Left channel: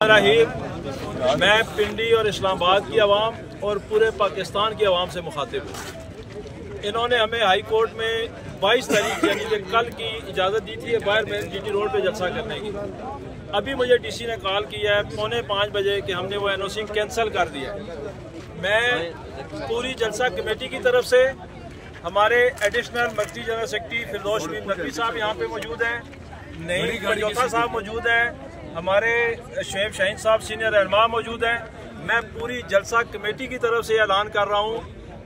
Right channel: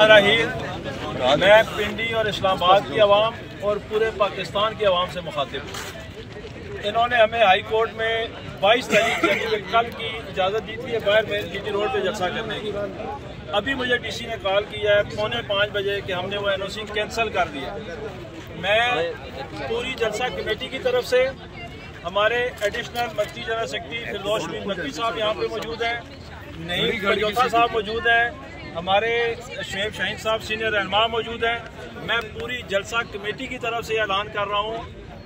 मैं पिंडी और इस्लामाबाद की आवाम और पूरे पाकिस्तान की आवाम से मुखातिब हूँ। इन्होंने हमें हाई कोर्ट में 22 तारीख यानी कि कल की इजाज़त दी थी बाहर में जीटी रोड पे जलसा करने की। अभी मुझे डीसी ने कॉल किया है 4:45 बजे कि हमने वो एनओसी कैंसिल कर दिया। मैं पूरी जलसा कमेटी की तरफ से हमारे एडिशनल मर्कजी जनरल सेक्रेटरी फिरदौस शमीम नकवी साहब यहाँ पे मौजूद हैं, नईम पंजौथा साहब मौजूद हैं, हमारे शुएब शाहीन साहब सीनियर रहनुमा मौजूद हैं। मैं पूरी जलसा कमेटी की तरफ से ऐलान कर रहा हूँ,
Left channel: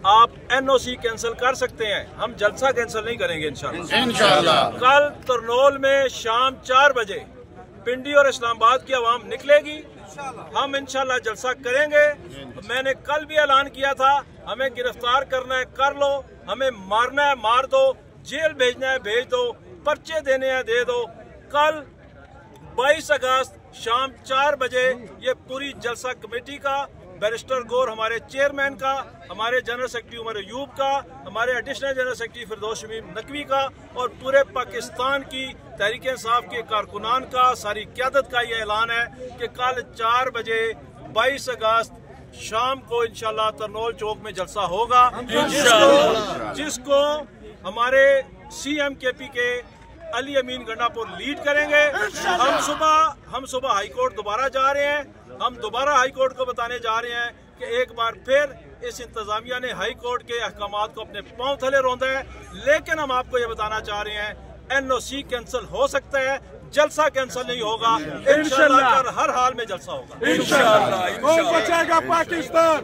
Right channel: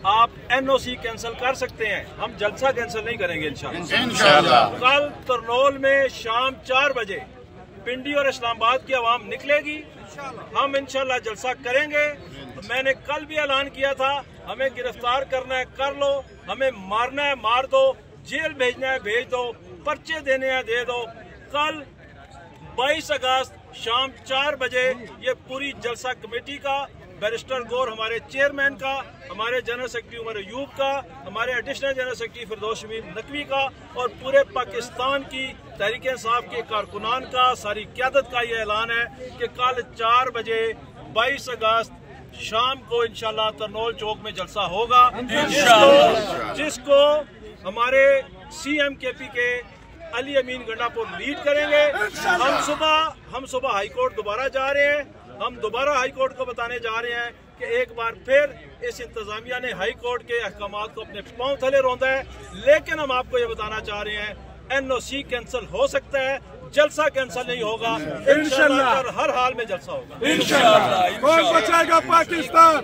आप एनओसी कैंसिल कर सकते हैं, हम जलसा कैंसिल नहीं करेंगे इंशाल्लाह। कल तरनोल में शाम 4 बजे पिंडी और इस्लामाबाद की आवाम निकलेगी, हम इंशाल्लाह जलसा करेंगे। मैंने कल भी ऐलान किया था, हमें गिरफ्तार करना है कर लो, हमें मारना है मार दो, जेल भेजना है भेज दो, पर्चे देने हैं दे दो। कल 22 अगस्त शाम 4 बजे ये पूरी जलसा कमेटी का, बैरिस्टर गौर हमारे चेयरमैन का, हमारे जनरल सेक्रेटरी उमर अयूब का, हमारे एडिशनल जनरल सेक्रेटरी फिरदौस शमीम नकवी का और पूरे पाकिस्तान की तहरीक इंसाफ के कारकुनान का, सारी क़यादत का ये ऐलान है कि कल 4 बजे 22 अगस्त शाम को इंशाल्लाह तरनोल चौक में जलसा होगा, जिसको हमारे CMKP के अली अमीन गंडापुर लीड करेंगे। हम सुबह हाई कोर्ट दोबारा जा रहे हैं, हम दोबारा हाई कोर्ट को बताने जा रहे हैं कि एक बार फिर इस इंतजामिया ने हाई कोर्ट के अहकामात को अपने पांव थले रौंदा है। लेकिन हम आपको ये बताना चाह रहे हैं, एनओसी कैंसिल हो सकता है, जलसा कैंसिल नहीं होगा। इंशाल्लाह हर हाल में जल्सा होगा। इंशाल्लाह। बचाएगा पाकिस्तान।